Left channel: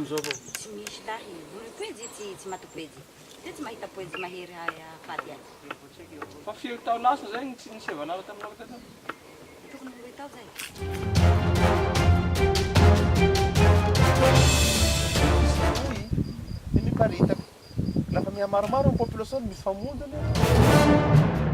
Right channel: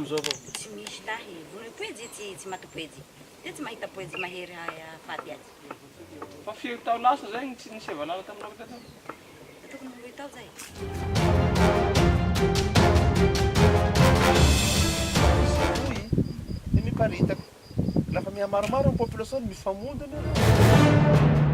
amizao avao. Tsy misy lahy. Poezy tsy matopoezy. Dia tsy mahita poezy mahery faty azy. Fa firy tao lasa zay tsy nisy valala taminao teto? Tokony 10 tao zay. Dia miparitaka. Lafa mihamaromaro ny population mifamondy aloha.